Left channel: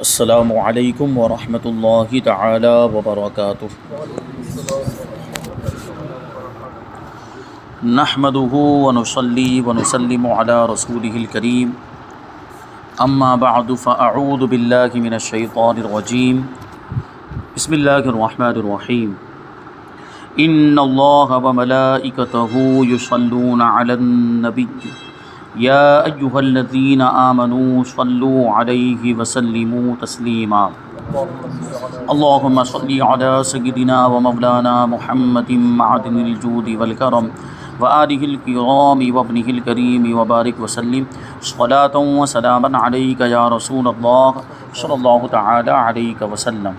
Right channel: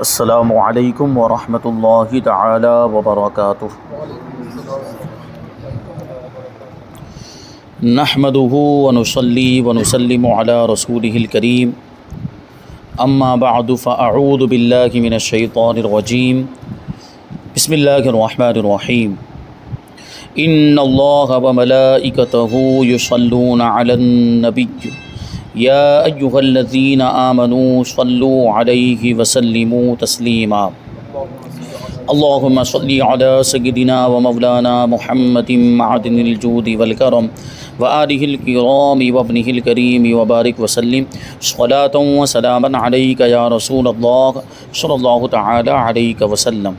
السلام علیکم ورحمۃ اللہ تعالی وبرکاتہ۔ نحمده ونصلی ونسلم علی رسولہ الکریم، اما بعد فاعوذ باللہ من الشیطان الرجیم، بسم اللہ الرحمن الرحیم۔ ان اللہ وملائکتہ یصلون علی النبی یا ایہا الذین آمنوا صلوا علیہ وسلموا تسلیما۔ اللہم صلی علی سیدنا ومولانا محمد معدن الجود والکرم وآلہ الکرام وابنہ الکریم وبارک وسلم صلاۃ وسلاما علیک یا رسول اللہ صلی اللہ تعالی علیہ وسلم۔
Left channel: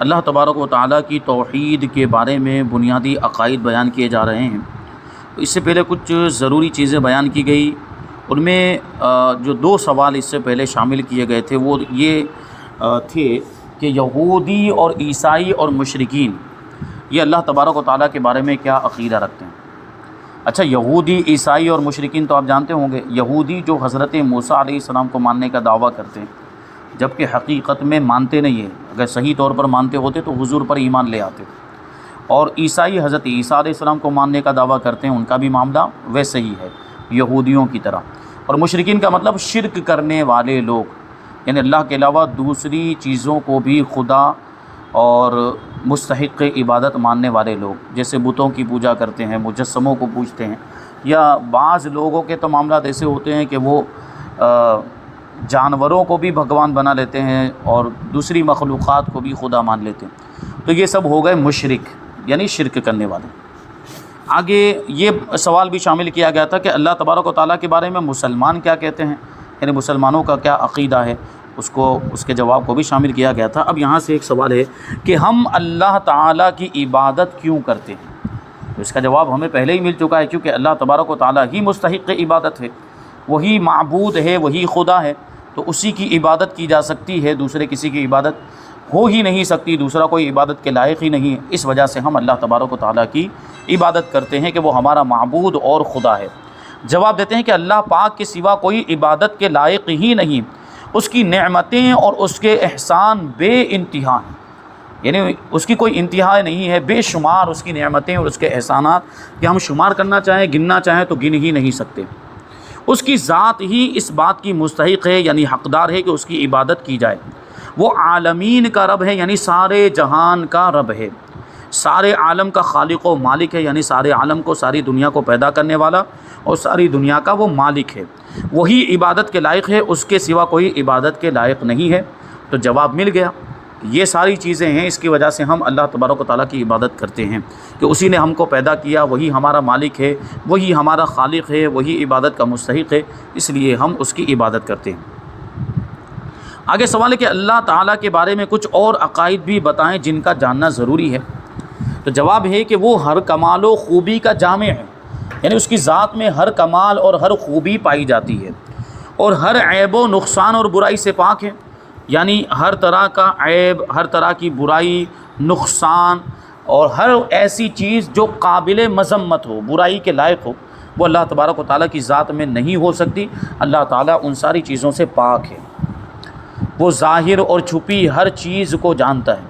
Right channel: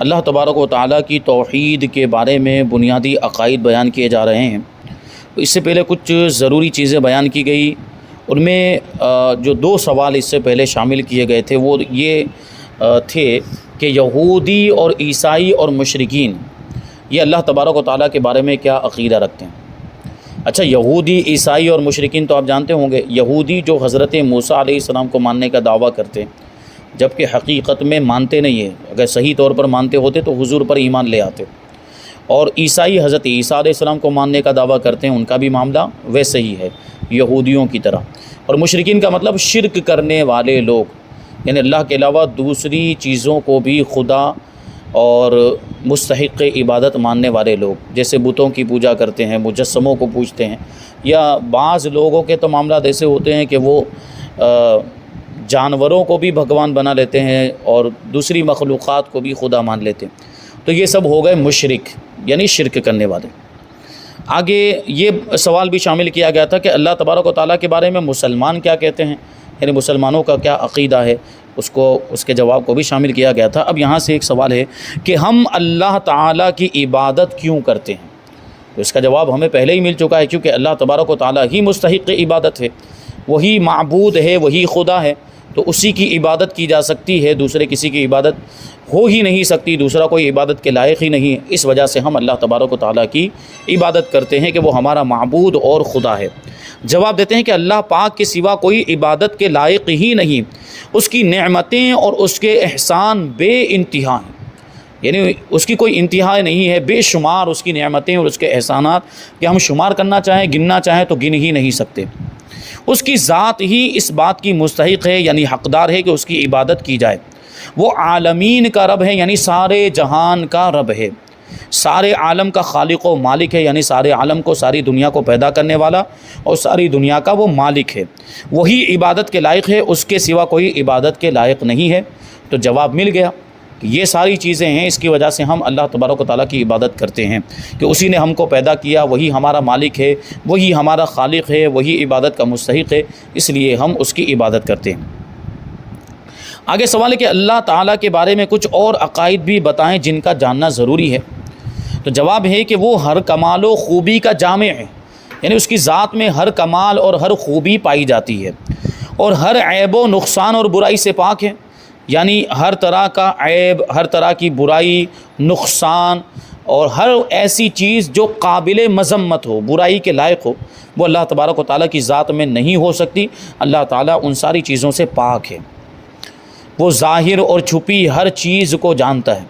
اللہ تبارک و تعالیٰ کی توحید کے بارے میں بنیادی عقائد بیان کیے جا رہے ہیں۔ اس سے پہلے کچھ ضروری چیزیں بیان کی گئی، ان میں جو دو سوال اس سے پہلے شامل کیے گئے تھے وہ یہ تھے کہ یہودی اور عیسائی اور مشرکین یہ اللہ تبارک و تعالیٰ کے بارے میں کیا عقیدہ رکھتے ہیں۔ اچھا، یہودی، عیسائی اور مشرکین تو آپ جانتے ہوں گے، یہودی جو حضرت موسیٰ علیہ السلام کو ماننے کا دعویٰ کرتے ہیں جبکہ حقیقت میں مانتے نہیں ہیں، اگر صحیح طور پر مانتے ہوتے تو حضور پر ایمان لے آتے۔ اور عیسائی حضرت عیسیٰ علیہ السلام کو ماننے کا دعویٰ کرتے ہیں، ان کا بھی معاملہ ویسے ہی ہے یہودیوں کی طرح۔ اور مشرکین کا مطلب شرک کرنے والے لوگ، یعنی اللہ کے علاوہ دوسری چیزوں کو بھی خدا اور مستحق عبادت ماننے والے لوگ، جیسے بتوں کی پوجا کرتے ہیں، مجسموں کو پوجتے ہیں، یا بعض لوگوں کے تو معاملات ایسے ہوتے ہیں کہ وہ جانوروں کو بھی بھگوان بنا لیتے ہیں اور دوسری مخلوقات کو بھی خدا مان لیتے ہیں۔ تو یہ سب ہو گئے مشرک، یعنی شرک کرنے والے۔ آگے یہ سوال بھی شامل کیا گیا تھا کہ اللہ تبارک و تعالیٰ کے بارے میں مسلمان کیا کہتے ہیں، یعنی مسلمانوں کا کیا عقیدہ ہے، اس کے جواب کو بھی شامل کیا گیا تھا۔ اب یہاں سے ایک سوال ہے کہ ہم اللہ تعالیٰ کی عبادت کیوں کرتے ہیں؟ تو اس کا جواب ہمیں پہلے ہی مل چکا ہے، کیونکہ اللہ تبارک و تعالیٰ ہی مستحق عبادت ہے، وہی معبود ہے، وہی خدا ہے، تو اسی کی عبادت کی جا سکتی ہے، دوسرے کسی کی عبادت ہو ہی نہیں سکتی، دوسرا کوئی عبادت کے لائق ہی نہیں ہے۔ اس وجہ سے ہم اللہ تبارک و تعالیٰ کی عبادت کرتے ہیں کہ وہ ہمارا معبود اور خدا ہے۔ جواب دیتے ہیں کہ اللہ پاک کے سوا کوئی عبادت کے لائق ہی نہیں، اس کی نعمتیں اور اس کے احسان بے انتہا ہیں، یعنی اس کی کوئی انتہا نہیں ہے، بے شمار اس کی نعمتیں اور اس کے احسانات کہ ہم شمار کرنا چاہیں، گننا چاہیں تو گن ہی نہیں سکتے۔ اس کی ذات ہی اس بات کی مستحق ہے، یعنی حقدار ہے کہ اس کی عبادت کی جائے۔ وہ عالمین کا رب ہے، یعنی سارے جہان کا رب ہے، سارے عالم کا خالق و مالک ہے، یعنی سارے عالم کو، ساری دنیا کو پیدا کرنے والا اور ساری دنیا کا وہ مالک ہے، وہی عبادت کے لائق ہے، اس کے سوا کوئی عبادت کے لائق نہیں ہے۔ تو جواب مل گیا کہ یہ ساری چیزیں ہیں، اس کی وجہ سے ہم اللہ تبارک و تعالیٰ کی عبادت کرتے ہیں کہ اسی نے ہم کو پیدا کیا، وہی ہمارا مالک ہے، وہی ہمارا خالق ہے، وہی عبادت کا مستحق ہے، اس لیے ہم اس کی عبادت کرتے ہیں۔ آگے سوال ہے کہ اللہ تعالیٰ کے بارے میں کچھ اور عقائد بھی بتائیں جن کا جاننا ضروری ہے۔ تو جواب ہے کہ وہ ہر کمال و خوبی کا جامع ہے، یعنی اس کی ذات میں ہر کمال اور ہر خوبی پائی جاتی ہے، اور ہر عیب و نقصان اور برائی سے پاک ہے، یعنی ہر طرح کا عیب، ہر طرح کی برائی، نقصان اور ہر ایسی چیز جو قابل مذمت ہو، برائی کے لائق ہو، وہ اللہ تبارک و تعالیٰ کی ذات میں نہیں ہو سکتی۔ اللہ تعالیٰ ان ساری چیزوں سے پاک ہے، وہ ظاہر اور چھپی ہر چیز کو جانتا ہے،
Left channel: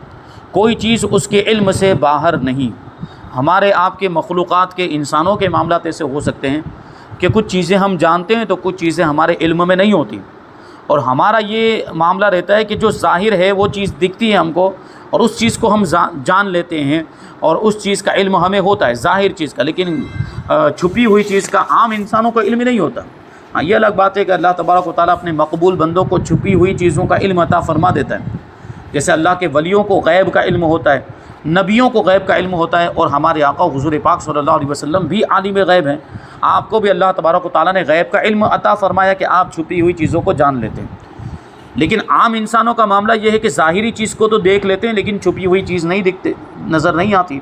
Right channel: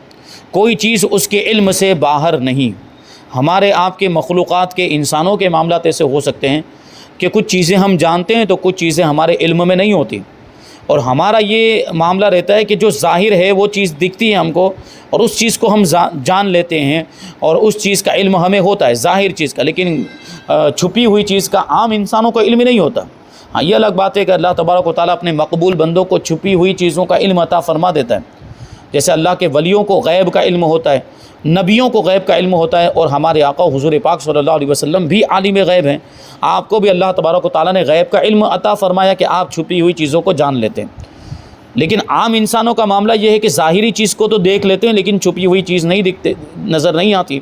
کوئی چیز اس کے علم سے باہر نہیں۔ ہمارے آپ کے مخلوقات کے، انسانوں کے معاملات ایسے ہو سکتے ہیں کہ کچھ چیزیں ہم جانتے ہیں تو کچھ چیزیں ہمارے علم میں نہیں ہوتی، اور ہمارا یہ معاملہ رہتا ہے کہ جو ظاہر ہے وہ چیز دکھتی ہے ہم کو، اور اس چیز کو ہم جان لیتے ہیں اور اس چیز کا علم ہمیں ہوتا ہے، ظاہر چیز کا، لیکن چھپی ہوئی چیز کا عام انسانوں کو علم نہیں ہوتا۔ ہاں، یہ الگ بات ہے کہ اللہ تبارک و تعالیٰ اپنے مقبول بندوں کو چھپی ہوئی چیزوں کا علم عطا فرما دیتا ہے، جیسے اللہ کے ولیوں کو غیب کا علم ہوتا ہے، نبیوں کو غیب کا علم ہوتا ہے، اور ہمارے آقا حضور پاک صلی اللہ علیہ وسلم بھی عالم غیب ہیں۔ آپ کو بھی اللہ تبارک و تعالیٰ نے غیب کا علم عطا فرمایا کہ آپ چھپی ہوئی چیزوں کو جان لیتے ہیں۔ لیکن عام انسانوں کا معاملہ یہ ہے کہ ظاہری چیز کو تو دیکھ لیتے ہیں لیکن چھپی ہوئی چیز نہیں نظر نہیں آتی،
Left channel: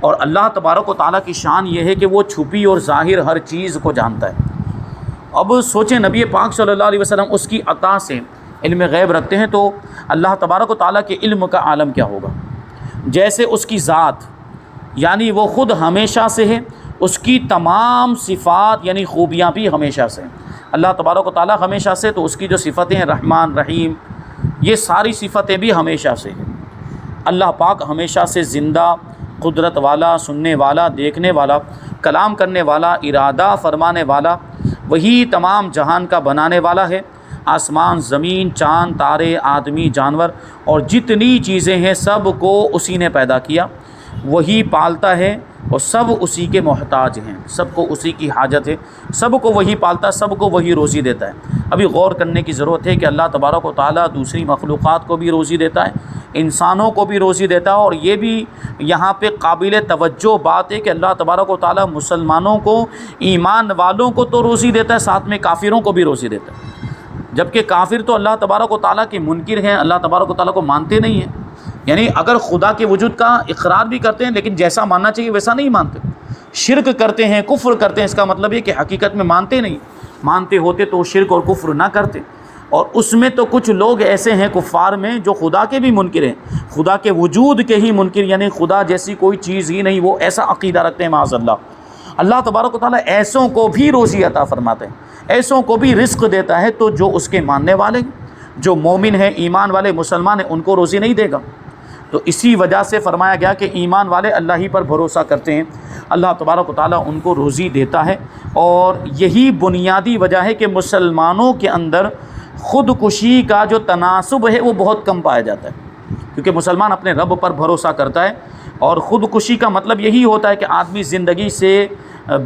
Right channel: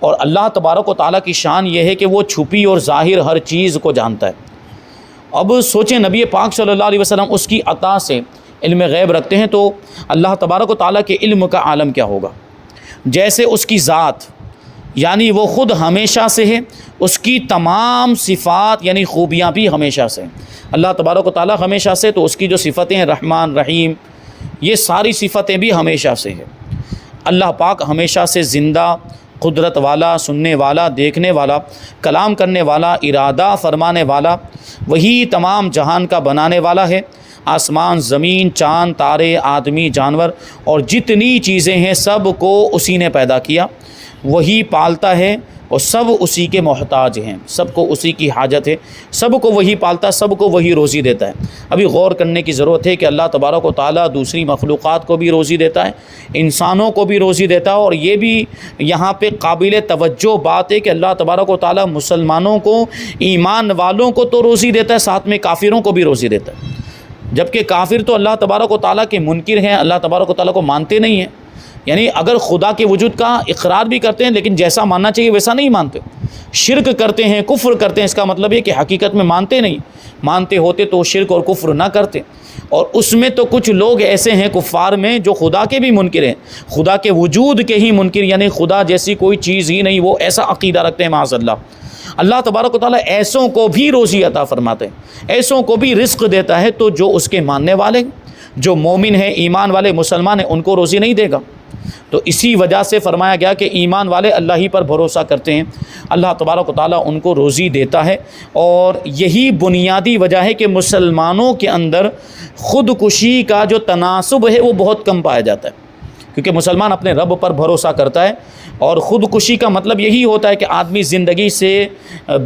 اور اللہ تبارک و تعالیٰ کی شان یہ ہے کہ وہ چھپی اور ظاہر ہر چیز کو جانتا ہے۔ اب سوچیں، نبی پاک صلی اللہ علیہ وسلم اس کی عطا سے علم غیب رکھتے ہیں، تو اللہ تبارک و تعالیٰ کے علم کا عالم کیا ہوگا؟ جیسے اس کی ذات، یعنی وہ خود ہمیشہ سے ہے، اس کی تمام صفات یعنی خوبیاں بھی ہمیشہ سے ہیں۔ اللہ تبارک و تعالیٰ ہمیشہ سے، تو اس کی جو صفتیں ہیں رحمان، رحیم، یہ ساری صفتیں بھی ہمیشہ سے ہیں۔ اللہ پاک ہمیشہ سے زندہ، قدرت والا، سننے والا، دیکھنے والا، کلام کرنے والا، ارادہ فرمانے والا، وہی تمام جہان کا بنانے والا ہے۔ آسمان، زمین، چاند، تارے، آدمی، جانور اور جتنی چیزیں ہیں سب کو اسی نے پیدا کیا، وہی پالتا ہے اور سب اسی کے محتاج ہیں، سب کو اسی کی حاجت ہے، سب کو وہی پالتا ہے، سب کو وہی روزی دیتا ہے۔ ابھی غور کرنے کی ضرورت ہے کہ اللہ تبارک و تعالیٰ دوسری مخلوقات کو بھی روزی دیتا ہے، انسانوں کو بھی روزی دیتا ہے، اور یہ بھی یہاں پہ قابل توجہ بات ہے کہ اللہ تبارک و تعالیٰ مسلمانوں کو، ایمان والوں کو تو روزی دیتا ہے، ساتھ میں کافروں کو بھی روزی دیتا ہے، جبکہ کافر تو اللہ تبارک و تعالیٰ کے منکر ہیں، اللہ تبارک و تعالیٰ کو مانتے نہیں ہیں، یعنی اگر خدا کے وجود کا اقرار بھی کرتے ہیں لیکن جیسا ماننا چاہیے ویسا نہیں مانتے، شرک کرتے ہیں، کفر کرتے ہیں۔ اس کا مطلب یہ کہ حقیقت میں مانتے نہیں، مانتے ہوتے تو شرک اور کفر نہ کرتے۔ اور اس میں تو کچھ لوگ ایسے ہیں کفار میں جو خدا کے بھی منکر ہیں، خدا کے وجود کے ہی منکر، یعنی خدا جیسی کوئی چیز ہی نہیں، وہ ایسا عقیدہ رکھتے ہیں معاذ اللہ۔ اللہ تبارک و تعالیٰ ایسوں کو بھی روزی عطا فرماتے ہیں، ایسوں کو بھی رزق دیتا ہے، تو جو اس کے ماننے والے، جو مومن ہیں، ایمان والے مسلمان ہیں، ان کو روزی نہیں دے گا۔ تو اسی وجہ سے فرمایا گیا کہ ایمان والے اللہ ہی پر بھروسہ کرتے ہیں، اللہ تبارک و تعالیٰ ان کو روزی دیتا ہے۔ اور یہی بنیادی وجہ ہے کہ مسلمانوں کے اندر خودکشی کا جو تناسب ہے وہ بہت کم پایا جاتا ہے، کیونکہ مسلمان اپنے رب پر بھروسہ کرتا ہے، اور خودکشی کا مطلب یہی ہوتا ہے کہ آدمی زندگی سے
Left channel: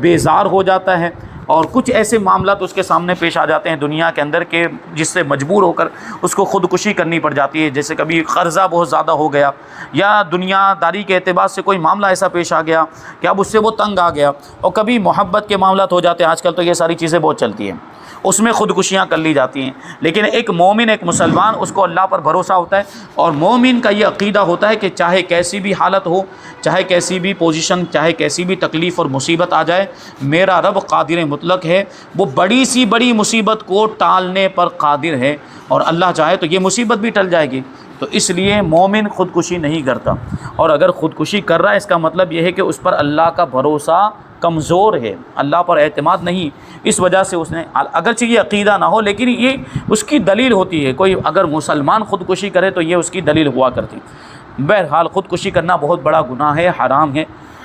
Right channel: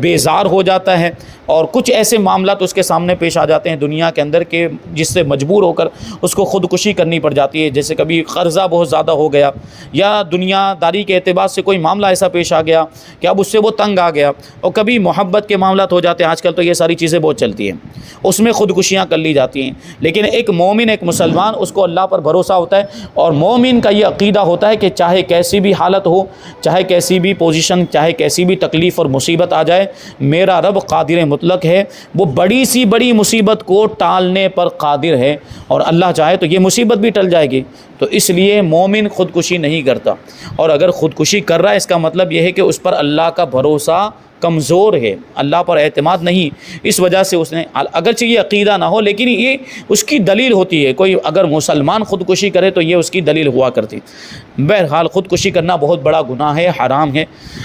بیزار ہو جاتا ہے، اور کچھ ایسے معاملات اس کے سامنے پیش آ جاتے ہیں دنیا کے اندر کہ جس سے مجبور ہو کر اس کو خودکشی کرنی پڑ جاتی ہے، جیسے کبھی قرضہ بہت زیادہ ہو گیا، یا دنیا داری کے اعتبار سے کوئی معاملہ ایسا پیش آ گیا کہ اب اس سے وہ تنگ آ گیا، اور کبھی محبت کے معاملات ہو جاتے ہیں، آج کل تو یہ ساری چیزیں بہت چلتی ہیں، اس میں خودکشیاں کر لی جاتی ہیں۔ لیکن ایک مومن، ایک مسلمان، اس کو اللہ پر بھروسہ ہوتا ہے، اور مومن کا یہ عقیدہ ہوتا ہے کہ چاہے کیسی بھی حالت ہو، چاہے کیسی بھی پوزیشن، چاہے کیسی بھی تکلیف اور مصیبت آ جائے، میرا رب قادر مطلق ہے، وہ بڑی سی بڑی مصیبت کو ٹالنے پر قادر ہے، اور اللہ چاہے تو یہ مصیبت بھی ٹل جائے گی۔ تو اس لیے مومن خودکشی نہیں کرتا، اور اگر خودکشی کر رہا ہے اس کا مطلب یہ ہے کہ اس پر اللہ کا بھروسہ کمزور ہے، اللہ پر اعتماد نہیں، اس وجہ سے اس نے، اگرچہ یہ عقیدہ نہ ہو لیکن یہ اس کی دلیل ہوتی ہے، کوئی اگر مسلمان خودکشی کرے تو یہ اس کی دلیل ہوا کرتی۔ بہرحال خودکشی کرنا بہت بڑا گناہ ہے، حرام ہے،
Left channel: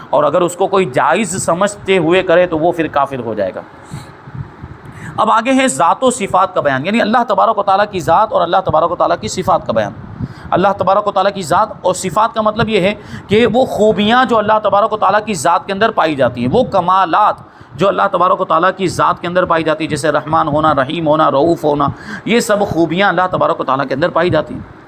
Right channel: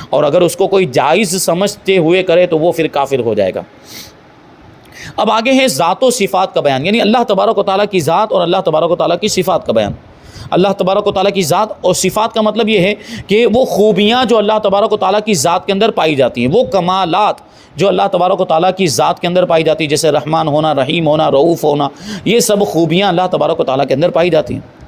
اور اگر اس کو کوئی جائز سمجھتے ہوئے کرے تو وہ پھر کافر ہو جائے گا۔ اب آگے ہے ذات و صفات کا بیان، یعنی اللہ تبارک و تعالیٰ کی ذات اور اللہ تبارک و تعالیٰ کی صفات کا بیان۔ اللہ تبارک و تعالیٰ کی ذات اور صفات کا مطلب یہ ہے کہ وہ خوبیاں جو اللہ تبارک و تعالیٰ کی ذات کے اندر پائی جاتی ہیں، وہ کمالات جو اللہ تبارک و تعالیٰ کی ذات کے اندر پائی جاتی ہیں، جیسے رحمان ہونا، رحیم ہونا، رؤوف ہونا، یہ سب خوبیاں اللہ تبارک و تعالیٰ کے اندر پائی جاتی ہیں۔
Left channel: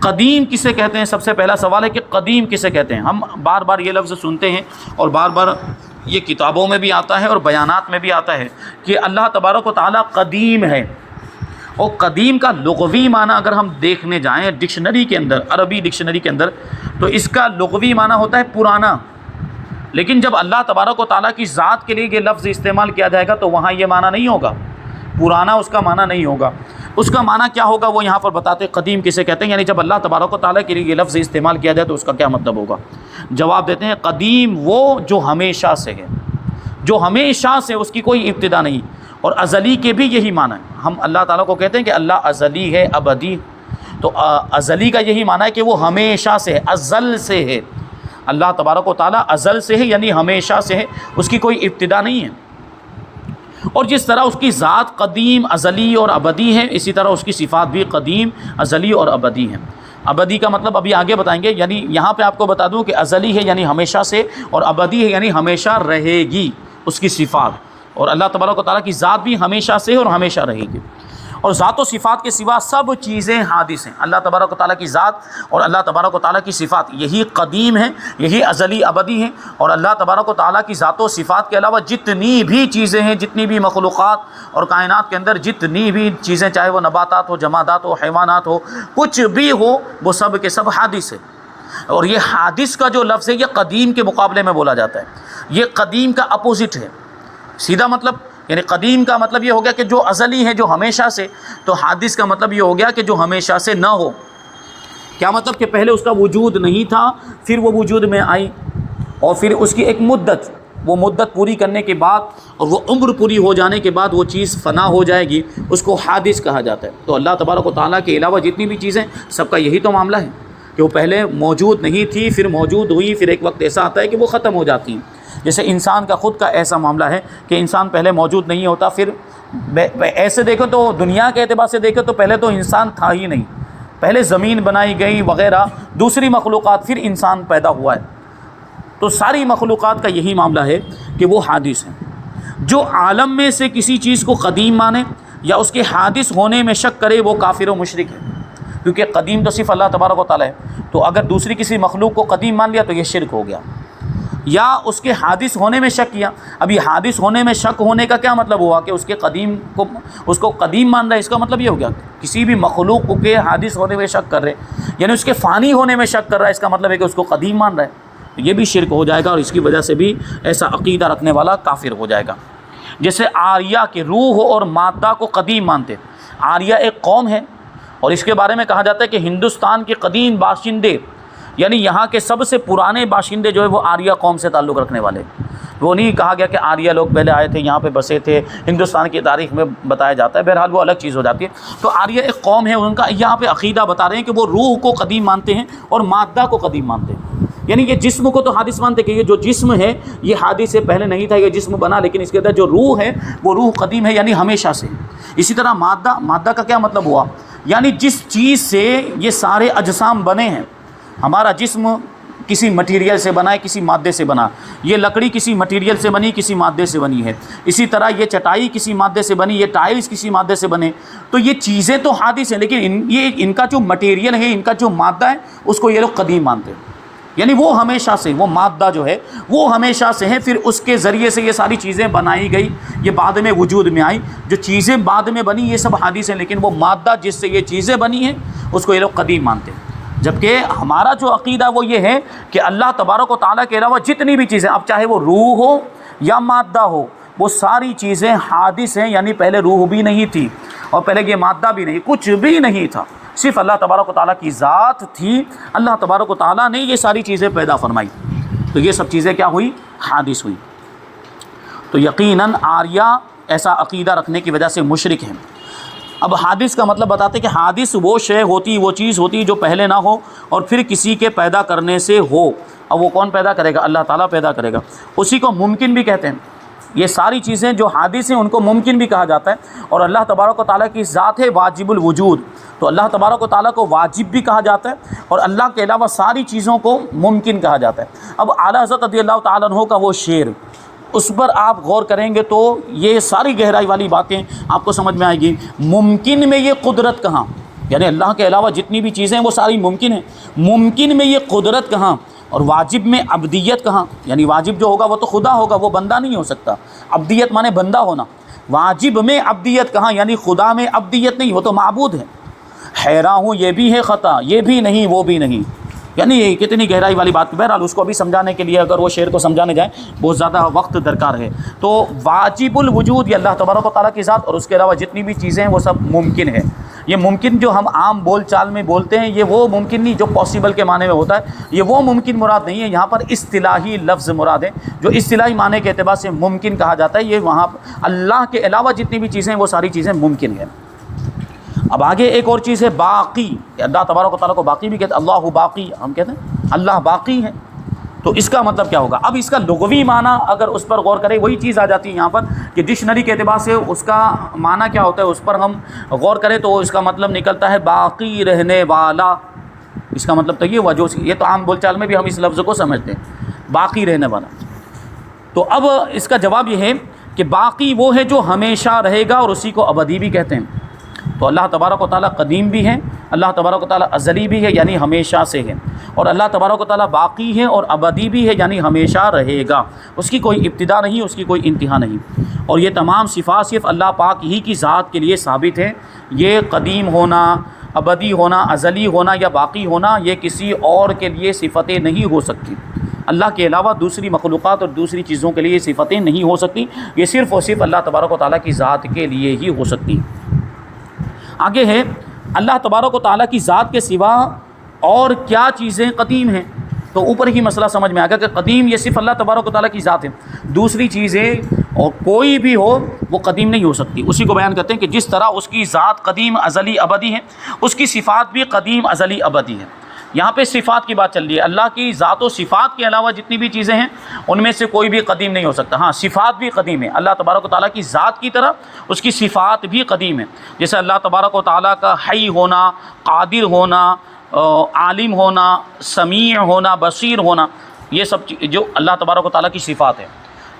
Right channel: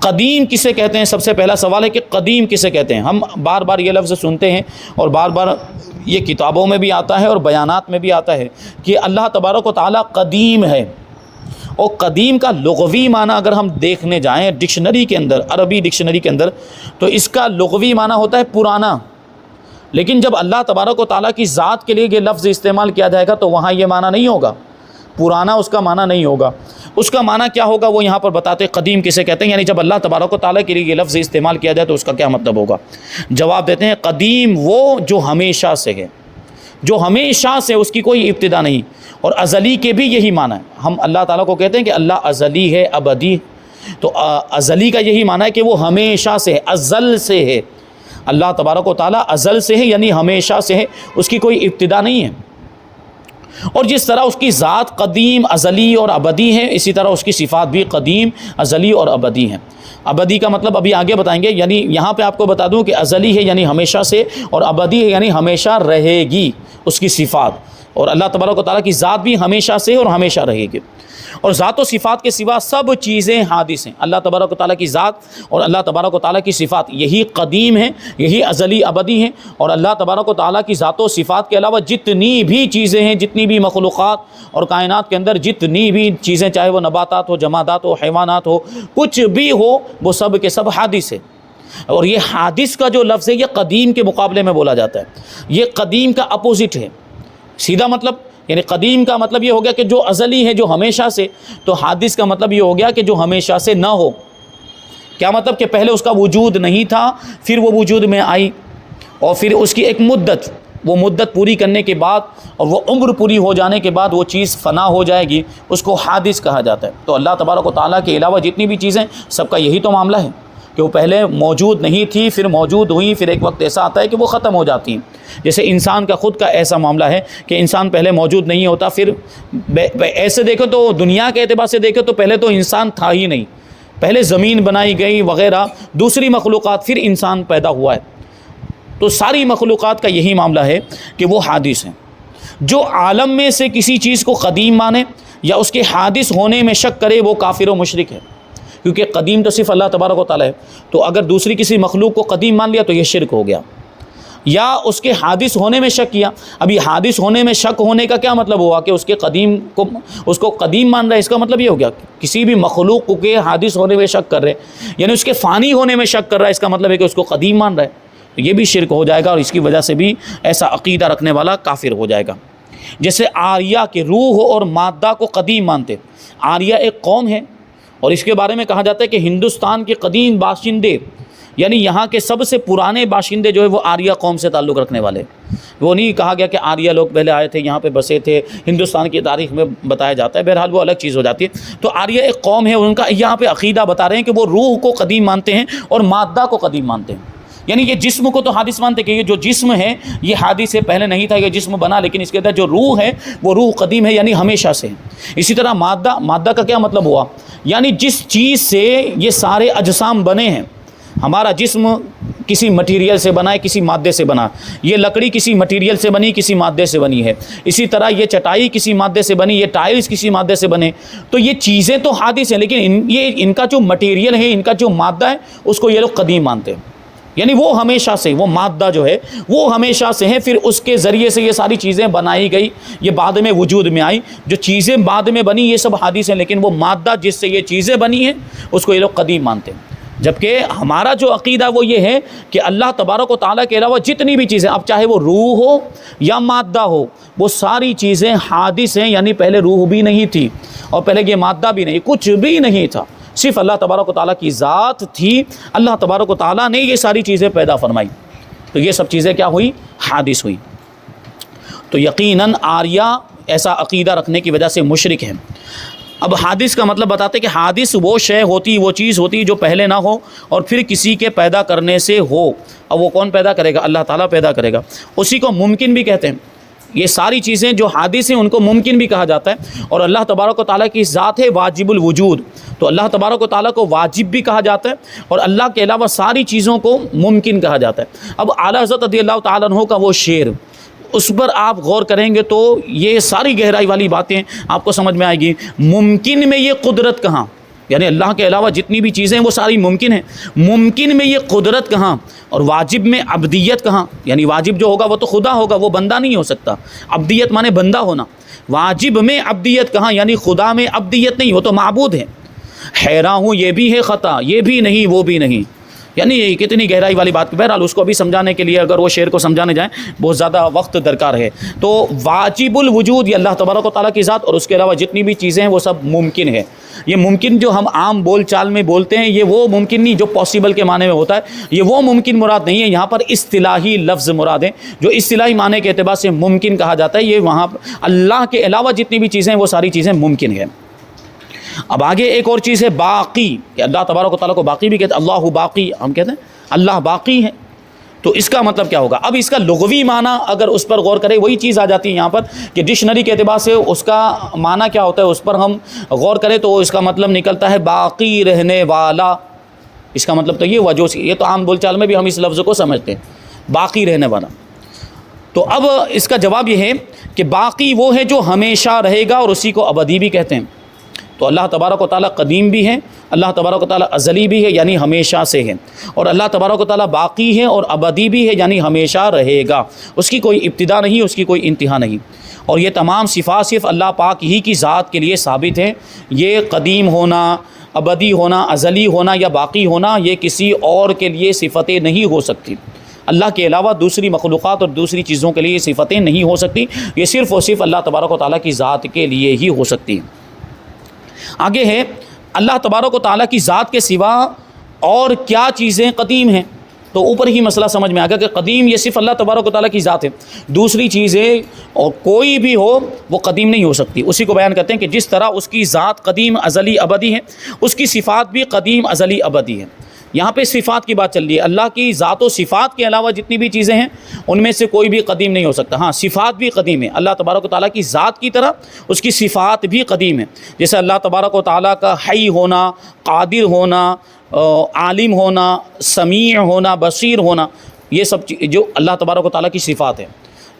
قدیم کسے کہتے ہیں؟ سب سے پہلا سوال ہے کہ قدیم کسے کہتے ہیں؟ ہم بار بار یہ لفظ سنتے ہیں، اور بار بار یہ کتابوں میں بھی آتا ہے اور بیانات میں بھی آتا ہے کہ اللہ تبارک و تعالیٰ قدیم ہے۔ اور قدیم کا لغوی معنی اگر ہم دیکھنے جائیں ڈکشنری کے اندر، عربی ڈکشنری کے اندر، تو اس کا لغوی معنی ہوتا ہے پرانا، لیکن جب اللہ تبارک و تعالیٰ کی ذات کے لیے یہ لفظ استعمال کیا جائے گا تو وہاں یہ معنی نہیں ہوگا، پرانا اس کا معنی نہیں ہوگا۔ اس کا معنی کیا ہوگا وہ یہاں پر بتاتے ہیں، قدیم کسے کہتے ہیں، یعنی جب اللہ تبارک و تعالیٰ کے لیے یہ لفظ استعمال کیا جائے تو اس کا کیا مطلب ہوگا؟ جواب دیتے ہیں قدیم وہ جو ہمیشہ سے ہے، جو ہمیشہ سے، اس کی کوئی ابتدا نہیں، اور ازلی کے بھی یہی معنی ہے۔ ہم اللہ تعالیٰ کو کہتے ہیں کہ اللہ ازلی ہے، ابدی، تو ازلی کا یہی معنی ہے کہ وہ ہمیشہ سے ہے، ازل سے ہے۔ اللہ تبارک و تعالیٰ ازل سے ہے، یعنی ہمیشہ سے ہے، اس کی کوئی ابتدا نہیں ہے۔ اور جس طرح اس کی ذات قدیم، ازلی اور ابدی ہے، اسی طرح اس کی صفات بھی قدیم، ازلی اور ابدی ہیں۔ ابدی کا مطلب ابھی آگے بتائیں گے، یعنی یہاں پہ آپ کو بتا دوں کہ ازلی ہے یعنی ہمیشہ سے، اور ابدی ہے یعنی ہمیشہ رہے گی اس کی صفات، اور اللہ تبارک و تعالیٰ کی ذات بھی ہمیشہ سے اور ہمیشہ رہے گی۔ اور ذات و صفات کے سوا سب چیزیں حادث ہیں۔ اللہ تبارک و تعالیٰ کی ذات اور اللہ تبارک و تعالیٰ کی صفات یہی قدیم ہیں، یہی ازلی ابدی ہیں، اور اللہ تبارک و تعالیٰ کی ذات و صفات کے علاوہ جتنی بھی چیزیں ہیں، جتنی بھی مخلوقات اور کائنات کے اندر جتنی بھی چیزیں، چاہے وہ نباتات ہو، جمادات ہو، حیوانات ہو، کچھ بھی ہو، وہ سب کے سب حادث ہے۔ اور یہ حادث کا جو لفظ ہے یہ قدیم کے مقابلے میں بولا جاتا ہے، یہ قدیم کا اپوزٹ ہے، سیدھا مطلب، یعنی قدیم کا مطلب یہ ہو گیا کہ جو ازلی ہے، جو ہمیشہ سے، تو حادث کا مطلب یہ ہو گیا کہ جو ہمیشہ سے نہ ہو۔ کیا مطلب؟ کہ پہلے اس کا وجود نہیں تھا، پھر وہ وجود میں آئی، اور پھر اس کی ایک مدت وہ مدت پوری کرنے کے بعد اور وہ عمر پوری ہو جانے کے بعد وہ چیز فنا ہو جائے گی، اس کو حادث کہا جاتا ہے۔ تو اللہ تبارک و تعالیٰ کے علاوہ جتنی بھی چیزیں، سب کا یہی تو معاملہ ہے کہ وہ پہلے موجود نہیں تھی، پھر موجود ہوئی، پھر ایک وقت ایسا آتا ہے کہ وہ ختم ہو جاتی ہیں۔ جیسے انسان کا خود کا ایسا معاملہ ہے کہ انسان پہلے موجود نہیں ہوتا، پھر ایسے دیکھو تو دنیا کے اعتبار سے دیکھو تو پہلے تو انسان تھا ہی نہیں، پہلے زمین بنائی گئی وغیرہ، دوسری مخلوقات، پھر انسان پیدا ہوا ہے۔ تو ساری مخلوقات کا یہی معاملہ ہے کہ وہ حادث ہیں۔ جو عالم میں سے کسی چیز کو قدیم مانے یا اس کے حادث ہونے میں شک کرے وہ کافر و مشرک ہے، کیونکہ قدیم تو صرف اللہ تبارک و تعالیٰ ہے۔ تو اگر دوسری کسی مخلوق کو قدیم مان لیا تو یہ شرک ہو گیا، یا اس کے حادث ہونے میں شک کیا۔ اب یہ حادث ہونے میں شک ہونے کا کیا مطلب ہوا کہ اس کے قدیم کو، اس کو قدیم مان رہا ہے، اس کا مطلب یہ ہو گیا کسی بھی مخلوق کے حادث ہونے میں شک کر رہے، یعنی اس کے فانی ہونے میں شک کر رہا ہے، اس کا مطلب ہے کہ اس کو قدیم مان رہا ہے، یہ بھی شرک ہو جائے گا، اور اس کی وجہ سے بھی ایسا عقیدہ رکھنے والا کافر ہو جائے گا۔ جیسے آریہ کے روح اور مادہ کو قدیم مانتے۔ آریہ ایک قوم ہے اور اس کے بارے میں کہا جاتا ہے کہ ہندوستان کے قدیم باشندے، یعنی یہاں کے سب سے پرانے باشندے جو ہے وہ آریہ قوم سے تعلق رکھنے والے۔ وہ نہیں کہا گیا کہ آریہ لوگ پہلے آئے تھے، یہاں پہ بسے تھے، ہندوستان کی تاریخ میں بتایا جاتا ہے، بہرحال وہ الگ چیز ہو جاتی ہے۔ تو آریہ ایک قوم ہے، ان کا یہاں پہ عقیدہ بتا رہے ہیں کہ وہ روح کو قدیم مانتے ہیں اور مادہ کو قدیم مانتے ہیں، یعنی یہ جسم کو تو حادث مانتے کہ یہ جو جسم ہے یہ حادث ہے، پہلے نہیں تھا، یہ جسم بنا، لیکن اس کے اندر جو روح ہے وہ روح قدیم ہے، یعنی ہمیشہ سے۔ اسی طرح مادہ کا کیا مطلب ہوا، یعنی جس چیز سے یہ سارے اجسام بنے ہیں۔ ہمارا جسم کسی مٹیریل سے بنا ہے، کسی مادے سے بنا، یہ لکڑی کسی مٹیریل سے بنی، کسی مادے سے بنی ہے، اسی طرح یہ چٹائی کسی مادے سے بنی، یہ ٹائلز کسی مادے سے بنے۔ تو یہ چیزیں تو حادث ہیں، لیکن ان کا جو مٹیریل ہے، ان کا جو مادہ ہے، اس کو یہ لوگ قدیم مانتے ہیں، یعنی وہ ہمیشہ سے، وہ مادہ جو ہے وہ ہمیشہ سے ہے، پھر اس کے ذریعے سے یہ ساری چیزیں بنائی گئی، یہ بعد میں وجود میں آئی۔ جو چیزیں بعد میں بنی یہ سب حادث ہیں، لیکن وہ مادہ جس سے یہ چیزیں بنی ہیں اس کو یہ لوگ قدیم مانتے ہیں۔ جبکہ ہمارا جو عقیدہ وہ یہ ہے کہ اللہ تبارک و تعالیٰ کے علاوہ جتنی بھی چیزیں، اب چاہے وہ روح ہو یا مادہ ہو، وہ ساری چیزیں حادث ہیں، یعنی پہلے روح بھی نہیں تھی اور پہلے یہ مادہ بھی نہیں، کچھ بھی نہیں تھا، صرف اللہ تبارک و تعالیٰ کی ذات تھی، اللہ تبارک و تعالیٰ نے یہ ساری چیزیں پیدا فرمائی، تو یہ سب چیزیں کیا ہوئی، حادث ہوئی۔ تو یقیناً آریہ ایسا عقیدہ رکھنے کی وجہ سے مشرک ہیں۔ اب حادث کا مطلب بتاتے کہ حادث وہ شے ہوتی، وہ چیز ہوتی جو پہلے نہ ہو اور پھر کسی کے پیدا کرنے سے ہو۔ اب وہ کون پیدا کرے گا؟ اللہ تعالیٰ پیدا کرے گا، اسی کو ممکن بھی کہتے ہیں۔ یہ ساری چیزیں جو حادث ہیں ان کو ممکن بھی کہا جاتا ہے، اور اللہ تبارک و تعالیٰ کی ذات ہے واجب الوجود، تو اللہ تبارک و تعالیٰ کو واجب بھی کہا جاتا ہے اور اللہ کے علاوہ ساری چیزوں کو ممکن کہا جاتا ہے۔ اب اعلیٰ حضرت رضی اللہ تعالیٰ عنہ کا وہ شعر، اس پر آپ غور کریں گے تو یہ ساری گہرائی والی باتیں آپ کو سمجھ میں آئے گی۔ ممکن میں یہ قدرت کہاں، یعنی اللہ کے علاوہ جتنی بھی چیزیں وہ ساری ممکن ہیں، ممکن میں یہ قدرت کہاں، اور واجب میں عبدیت کہاں، یعنی واجب جو ہوگا وہ تو خدا ہوگا، وہ بندہ نہیں ہو سکتا، عبدیت مانے بندہ ہونا، واجب میں عبدیت کہاں، یعنی خدا میں عبدیت نہیں، وہ تو معبود ہے۔ حیران ہوں یہ بھی ہے خطا، یہ بھی نہیں وہ بھی نہیں، یعنی یہ کتنی گہرائی والی بات۔ بہرحال اس کو بھی سمجھانے کے لیے اگر وہ شعر کو سمجھانے جائیں بہت زیادہ وقت درکار ہے۔ تو واجب الوجود یہ اللہ تبارک و تعالیٰ کی ذات، اور اس کے علاوہ جتنی بھی چیزیں ہیں وہ سب ممکن ہے۔ یہ ممکن جو ہم عام بول چال میں بولتے ہیں یہ وہ ممکن نہیں جو پاسبل کے معنی میں ہوتا ہے، یہ وہ ممکن مراد نہیں ہے، یہاں پر اصطلاحی لفظ مراد ہے، جو اصطلاحی معنی کے اعتبار سے ممکن کہا جاتا ہے، یہ وہاں اللہ کے علاوہ جتنی بھی چیزیں ہیں وہ ساری چیزیں ممکن ہیں۔ اب آگے ایک اور چیز ہے باقی، کہ اللہ تبارک و تعالیٰ کو باقی بھی کہتے ہیں، اللہ باقی، ہم کہتے ہیں اللہ باقی ہے، تو اس کا مطلب کیا ہوگا؟ اب اس کا لغوی معنی اگر اس پر غور کریں وہی چیز آ جاتی ہے یہاں پر کہ ڈکشنری کے اعتبار سے اس کا معنی کیا ہوتا ہے، اس پر ہم غور کریں تو اس کا مطلب نکلتا ہے باقی رہنے والا۔ اس کا مطلب تو یہ ہوا، جو یہ تو عام بول چال میں بھی ہم اس لفظ کو سمجھتے ہیں، باقی رہنے والا۔ تو اب اس کا جواب یہ ہے کہ باقی وہ ہے جو ہمیشہ رہے گا، اور اسی کو ابدی بھی کہتے ہیں۔ تو اللہ تبارک و تعالیٰ قدیم بھی ہے، اللہ تبارک و تعالیٰ ازلی بھی ہے یعنی ہمیشہ سے ہے، اور اللہ تبارک و تعالیٰ باقی ہے اور ابدی بھی ہے یعنی ہمیشہ رہے گا، اس کی کوئی ابتدا نہیں، اس کی کوئی انتہا نہیں۔ اور یہ تمام صفات صرف اللہ پاک ہی کی ذات کے لیے ثابت ہے۔ یہ قدیم ہونا، ابدی ہونا، ازلی ہونا یا باقی ہونا یہ کسی اور کے لیے صفتیں نہیں ہو سکتی، اللہ کے علاوہ دوسری مخلوقات اور دوسری چیزوں کے لیے یہ صفتیں نہیں ہو سکتی، یہ صرف اور صرف اللہ تبارک و تعالیٰ کی ذات کے لیے ہی ہو سکتی ہے۔ آگے ہے اللہ تبارک و تعالیٰ کی ذات کے سوا اور کیا چیزیں قدیم ہیں؟ تو اوپر ہی مسئلہ سمجھ میں آ گیا کہ قدیم یہ صرف اللہ تبارک و تعالیٰ کی ذات ہے، دوسری چیزیں اور کوئی بھی ہو وہ قدیم نہیں ہو سکتی۔ اسی کو بیان کرتے ہیں کہ جس طرح اس کی ذات قدیم ازلی ابدی ہے، اس کی صفات بھی قدیم ازلی ابدی ہے۔ یہاں پہ صفات کی بات چل رہی ہے، اللہ کی ذات و صفات کے علاوہ جتنی بھی چیزیں ہیں ان میں سے کوئی بھی قدیم نہیں ہو سکتا۔ ہاں صفات بھی قدیم ہے، اللہ تبارک و تعالیٰ کی ذات کی طرح اس کی صفات بھی قدیم ہے، جیسے اللہ تبارک و تعالیٰ کا حی ہونا، قادر ہونا، عالم ہونا، سمیع ہونا، بصیر ہونا، یہ سب جو اللہ تبارک و تعالیٰ کی صفات ہے۔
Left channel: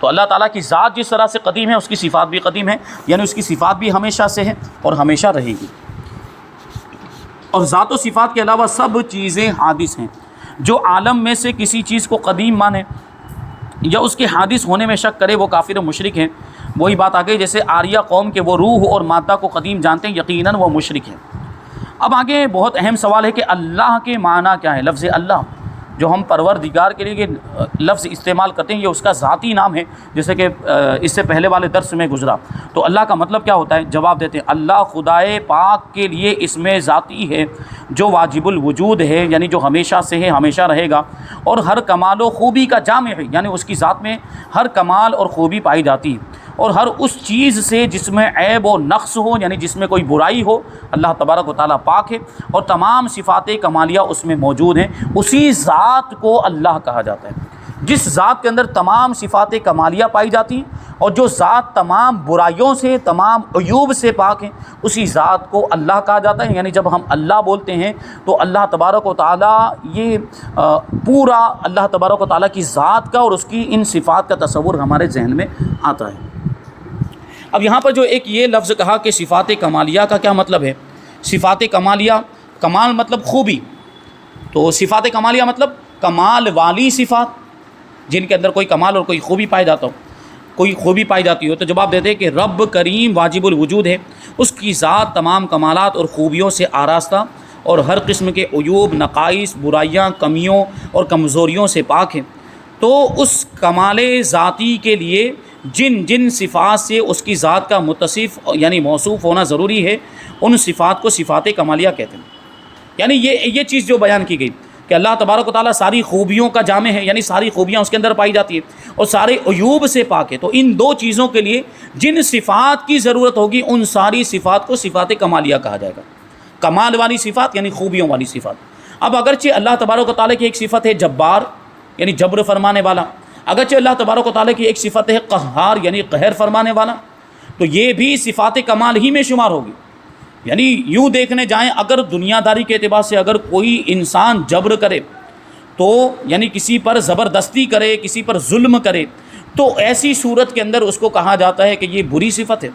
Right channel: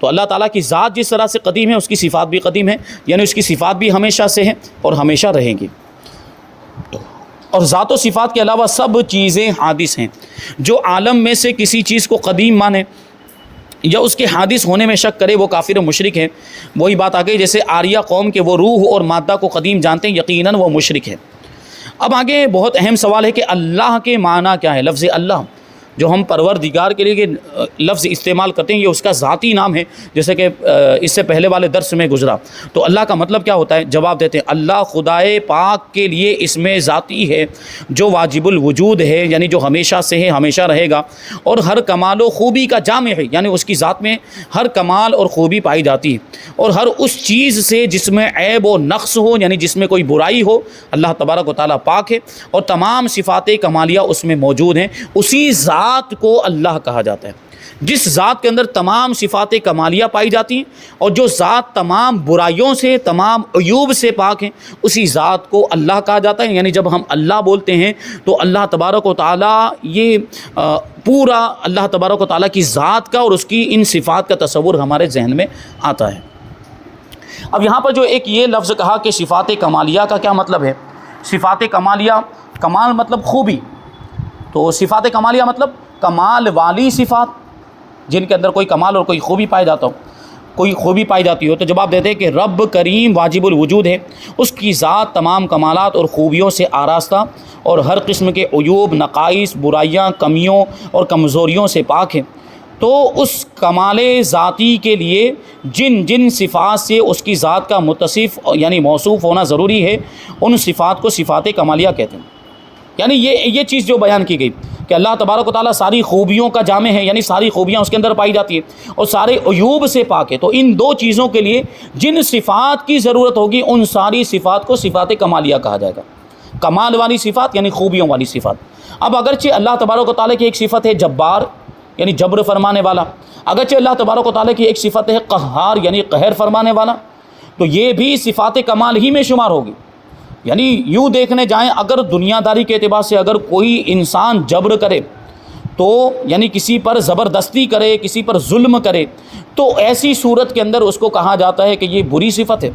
تو اللہ تعالیٰ کی ذات جس طرح سے قدیم ہے اس کی صفات بھی قدیم ہے، یعنی اس کی صفات بھی ہمیشہ سے ہیں اور ہمیشہ رہیں گی۔ اور ذات و صفات کے علاوہ سب چیزیں حادث ہیں۔ جو عالم میں سے کسی چیز کو قدیم مانے یا اس کے حادث ہونے میں شک کرے وہ کافر و مشرک ہے۔ وہی بات آ گئی جیسے آریہ قوم کے وہ روح اور مادہ کو قدیم جانتے ہیں، یقیناً وہ مشرک ہے۔ اب آگے بہت اہم سوال ہے کہ اللہ کے معنی کیا ہے؟ لفظ اللہ جو ہم پروردگار کے لیے لفظ استعمال کرتے ہیں یہ اس کا ذاتی نام ہے، جیسے کہ اس سے پہلے والے درس میں گزرا۔ تو اللہ کا مطلب کیا ہوتا ہے؟ جواب دیتے ہیں اللہ خدائے پاک کے لیے اسم ذاتی ہے جو واجب الوجود ہے، یعنی جو ہمیشہ سے ہے، ہمیشہ رہے گا، اور ہر کمال و خوبی کا جامع ہے، یعنی اس کی ذات میں ہر کمال اور خوبی پائی جاتی ہے، اور ہر اس چیز سے جس میں عیب و نقص ہو، یعنی جس میں کوئی برائی ہو، اللہ تبارک و تعالیٰ پاک ہے، اور تمام صفات کمالیہ اس میں موجود ہیں۔ اسی ذات کو اللہ کہا جاتا ہے، جس ذات کے اندر تمام صفات کمالیہ پائی جاتی ہیں اور جو ذات تمام برائیوں سے، تمام عیوب سے پاک ہیں، اسی ذات کو اللہ کہا جاتا ہے۔ یعنی جب ہم اللہ بولتے ہیں تو اللہ تبارک و تعالیٰ یہ پورا اللہ تبارک و تعالیٰ کی ذات کا اور اس کی ان صفات کا تصور ہمارے ذہن میں آتا ہے۔ اب یہاں پر جو ایک یہ لفظ کہا کہ صفات کمالیہ کا کیا مطلب ہے؟ صفات کمالیہ، کمال مطلب خوبی، تو صفات کمالیہ مطلب کمال والی صفات جن کے اندر کوئی کمال اور کوئی خوبی پائی جاتا ہو، کوئی خوبی پائی جاتی ہو۔ تو جواب دیتے ہیں کہ رب کریم واجب الوجود ہے، اس کی ذات تمام کمالات اور خوبیوں سے آراستہ اور ہر قسم کے عیوب، نقائص، برائیاں، کمیوں اور کمزوریوں سے پاک ہے۔ تو اس کمال ذاتی کے لیے جن جن صفات سے اس کی ذات کا متصف یعنی موصوف ہونا ضروری ہے ان صفات کو صفات کمالیہ کہتے ہیں۔ یعنی یہ چیز جو بیان کی گئی کہ اللہ تبارک و تعالیٰ ساری خوبیوں کا جامع ہے، یعنی ساری خوبیاں اس کے اندر پائی جاتی ہیں اور سارے عیوب سے پاک ہے، تو ان دو چیزوں کے لیے جن صفات کی ضرورت ہوگی ان ساری صفات کو صفات کمالیہ کہا جائے گا۔ کمال والی صفات یعنی خوبیوں والی صفات۔ اب اگرچہ اللہ تبارک و تعالیٰ کی ایک صفت ہے جبار یعنی جبر فرمانے والا، اگرچہ اللہ تبارک و تعالیٰ کی ایک صفت ہے قہار یعنی قہر فرمانے والا، تو یہ بھی صفات کمال ہی میں شمار ہوگی۔ یعنی یوں دیکھنے جائیں اگر دنیا داری کے اعتبار سے اگر کوئی انسان جبر کرے تو یعنی کسی پر زبردستی کرے، کسی پر ظلم کرے، تو ایسی صورت کے اندر اس کو کہا جاتا ہے کہ یہ بری صفت ہے۔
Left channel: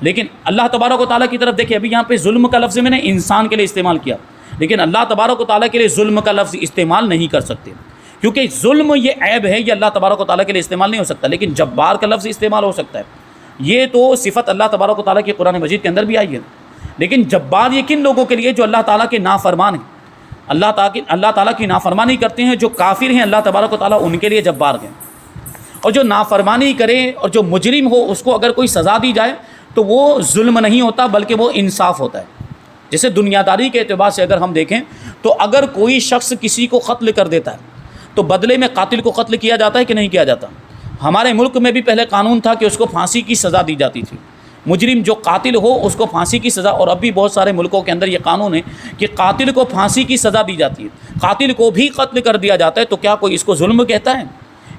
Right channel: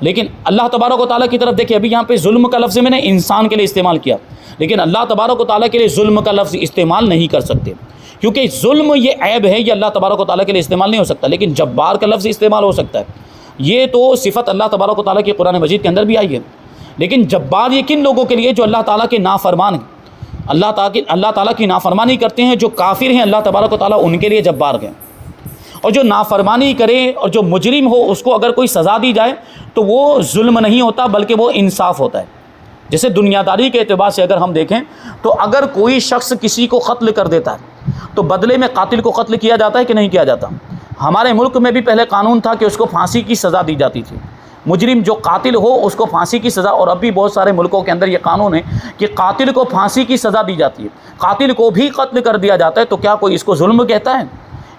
لیکن اللہ تبارک و تعالیٰ کی طرف دیکھیں، ابھی یہاں پہ ظلم کا لفظ میں نے انسان کے لیے استعمال کیا، لیکن اللہ تبارک و تعالیٰ کے لیے ظلم کا لفظ استعمال نہیں کر سکتے، کیونکہ ظلم یہ عیب ہے، یہ اللہ تبارک و تعالیٰ کے لیے استعمال نہیں ہو سکتا، لیکن جبار کا لفظ استعمال ہو سکتا ہے۔ یہ تو صفت اللہ تبارک و تعالیٰ کی قرآن مجید کے اندر بھی آئی ہے۔ لیکن جبار یہ کن لوگوں کے لیے؟ جو اللہ تعالیٰ کے نافرمان ہیں، اللہ تعالیٰ کی نافرمانی کرتے ہیں، جو کافر ہیں، اللہ تبارک و تعالیٰ ان کے لیے جبار ہیں۔ اور جو نافرمانی کرے اور جو مجرم ہو اس کو اگر کوئی سزا دی جائے تو وہ ظلم نہیں ہوتا بلکہ وہ انصاف ہوتا ہے۔ جیسے دنیا داری کے اعتبار سے اگر ہم دیکھیں تو اگر کوئی شخص کسی کو قتل کر دیتا ہے تو بدلے میں قاتل کو قتل کیا جاتا ہے کہ نہیں کیا جاتا؟ ہمارے ملک میں بھی پہلے قانون تھا کہ اس کو پھانسی کی سزا دی جاتی تھی، مجرم جو قاتل ہو اس کو پھانسی کی سزا، اور اب بھی بہت سارے ملکوں کے اندر یہ قانون ہے کہ قاتل کو پھانسی کی سزا دی جاتی ہے، قاتل کو بھی قتل کر دیا جاتا ہے۔ تو کیا کوئی اس کو ظلم کہتا ہے؟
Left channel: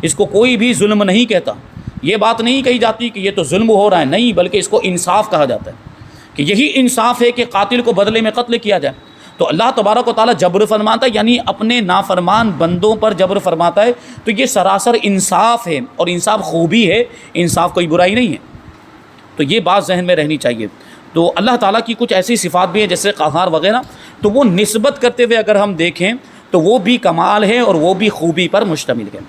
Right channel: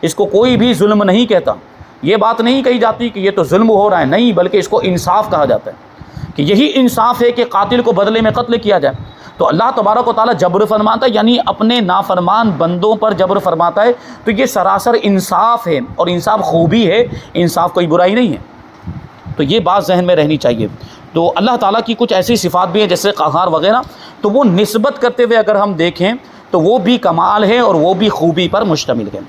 اس کو کوئی بھی ظلم نہیں کہتا۔ یہ بات نہیں کہی جاتی کہ یہ تو ظلم ہو رہا ہے، نہیں، بلکہ اس کو انصاف کہا جاتا ہے کہ یہی انصاف ہے کہ قاتل کو بدلے میں قتل کیا جائے۔ تو اللہ تبارک و تعالیٰ جبر فرماتا ہے، یعنی اپنے نافرمان بندوں پر جبر فرماتا ہے، تو یہ سراسر انصاف ہے، اور انصاف خوبی ہے، انصاف کوئی برائی نہیں ہے۔ تو یہ بات ذہن میں رہنی چاہیے۔ تو اللہ تعالیٰ کی کچھ ایسی صفات بھی ہیں جیسے قہار وغیرہ، تو وہ نسبت کرتے ہوئے اگر ہم دیکھیں تو وہ بھی کمال ہے اور وہ بھی خوبی پر مشتمل ہے۔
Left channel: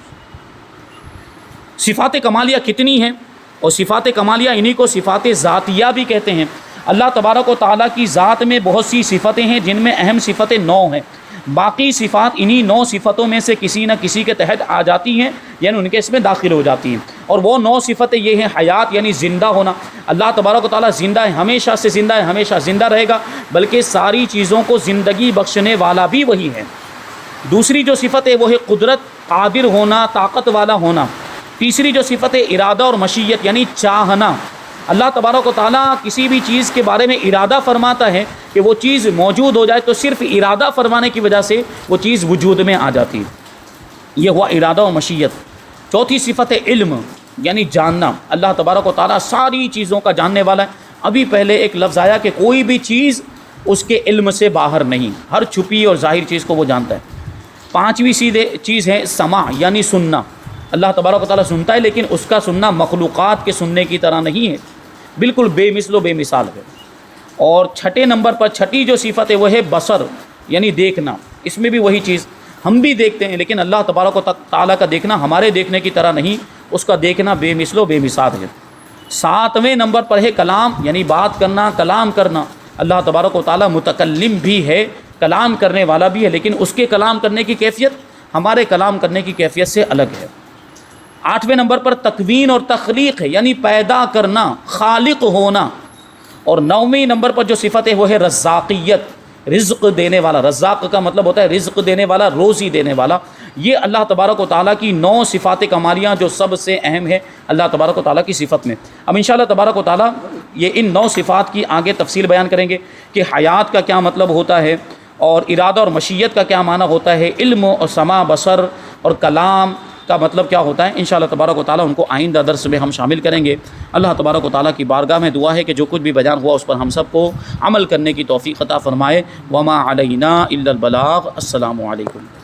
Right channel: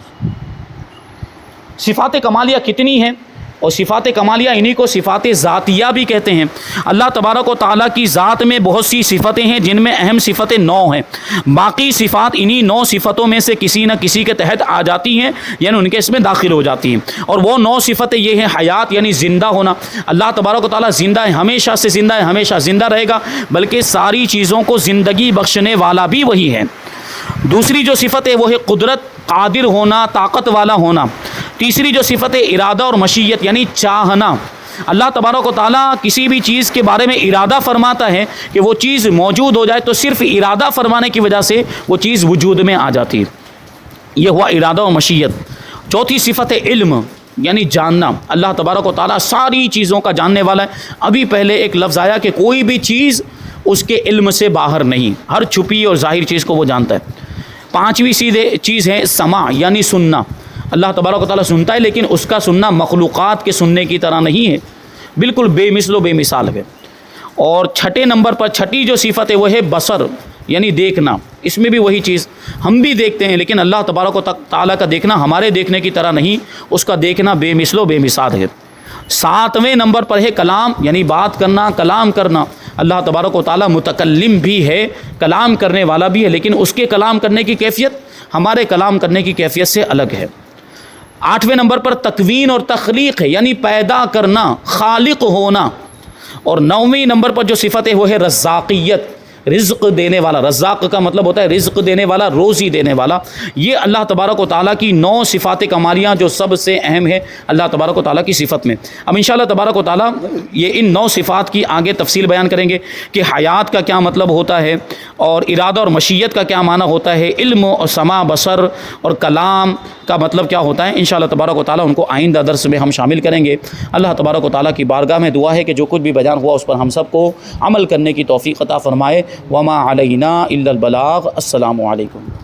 صفات کمالیہ کتنی ہیں؟ اور صفات کمالیہ انہی کو صفات ذاتیہ بھی کہتے ہیں۔ اللہ تبارک و تعالیٰ کی ذات میں بہت سی صفتیں ہیں جن میں اہم صفت 9 ہیں، باقی صفات انہی 9 صفتوں میں سے کسی نہ کسی کے تحت آ جاتی ہیں، یعنی ان کے اس میں داخل ہو جاتی ہیں۔ اور وہ 9 صفتیں یہ ہیں: حیات یعنی زندہ ہونا، اللہ تبارک و تعالیٰ زندہ ہے، ہمیشہ سے زندہ ہے، ہمیشہ زندہ رہے گا، بلکہ ساری چیزوں کو زندگی بخشنے والا بھی وہی ہے۔ دوسری جو صفت ہے وہ ہے قدرت، قادر ہونا، طاقت والا ہونا۔ تیسری جو صفت ہے ارادہ اور مشیت یعنی چاہنا۔ اللہ تبارک و تعالیٰ کسی بھی چیز کے بارے میں ارادہ فرماتا ہے کہ وہ چیز موجود ہو جائے تو صرف ارادہ فرمانے کی وجہ سے وہ چیز وجود میں آ جاتی ہے، یہ ہوا ارادہ و مشیت۔ چوتھی صفت ہے علم یعنی جاننا۔ اللہ تبارک و تعالیٰ ساری چیزوں کا جاننے والا ہے۔ ابھی پہلے ایک لفظ آیا کہ کوئی بھی چیز اس کے علم سے باہر نہیں، ہر چھپی اور ظاہر چیز کو وہ جانتا ہے۔ پانچویں چیز ہے سماع یعنی سننا۔ اللہ تبارک و تعالیٰ سنتا ہے لیکن اس کا سننا مخلوقات کے سننے کی طرح نہیں ہے، بالکل بے مثل و بے مثال ہے۔ اور چھٹے نمبر پر چھٹی جو صفت ہے وہ ہے بصر یعنی دیکھنا۔ اس میں بھی وہی چیز، ہم بھی دیکھتے ہیں لیکن اللہ تبارک و تعالیٰ کا دیکھنا ہمارے دیکھنے کی طرح نہیں، اس کا دیکھنا بے مثل و بے مثال ہے۔ ساتویں نمبر پر ہے کلام یعنی بات کرنا، کلام کرنا۔ اللہ تبارک و تعالیٰ متکلم بھی ہے، کلام کرنے والا بھی ہے، لیکن اس کے کلام کرنے کی کیفیت ہمارے کلام کرنے کی کیفیت سے الگ ہے۔ آٹھویں نمبر پر تکوین اور تخلیق ہے یعنی پیدا کرنا، خالق ہونا۔ اور نویں نمبر پر جو صفت ہے وہ ہے رزاقیت، رزق دینے والا۔ رزاق کا مطلب ہوتا ہے رزق دینے والا، روزی دینے والا۔ یہ اللہ تبارک و تعالیٰ کی 9 صفات کمالیاں جو سب سے اہم ہے اللہ تبارک و تعالیٰ کی صفت میں۔ اب انشاءاللہ تبارک و تعالیٰ یہ ان 9 صفات کی آگے تفصیل بیان کریں گے کہ حیات کا کیا مطلب ہوتا ہے، اور ارادہ اور مشیت کا کیا معنی ہوتا ہے، علم اور سماع بصر اور کلام کا مطلب کیا ہوتا ہے۔ انشاءاللہ تبارک و تعالیٰ ان کو آئندہ درس میں ہم شامل کریں گے۔ اللہ تبارک و تعالیٰ کی بارگاہ میں دعا ہے کہ جو کچھ بھی بیان ہوا اس پر ہم سب کو عمل کرنے کی توفیق عطا فرمائے۔ وما علینا الا البلاغ۔ السلام علیکم۔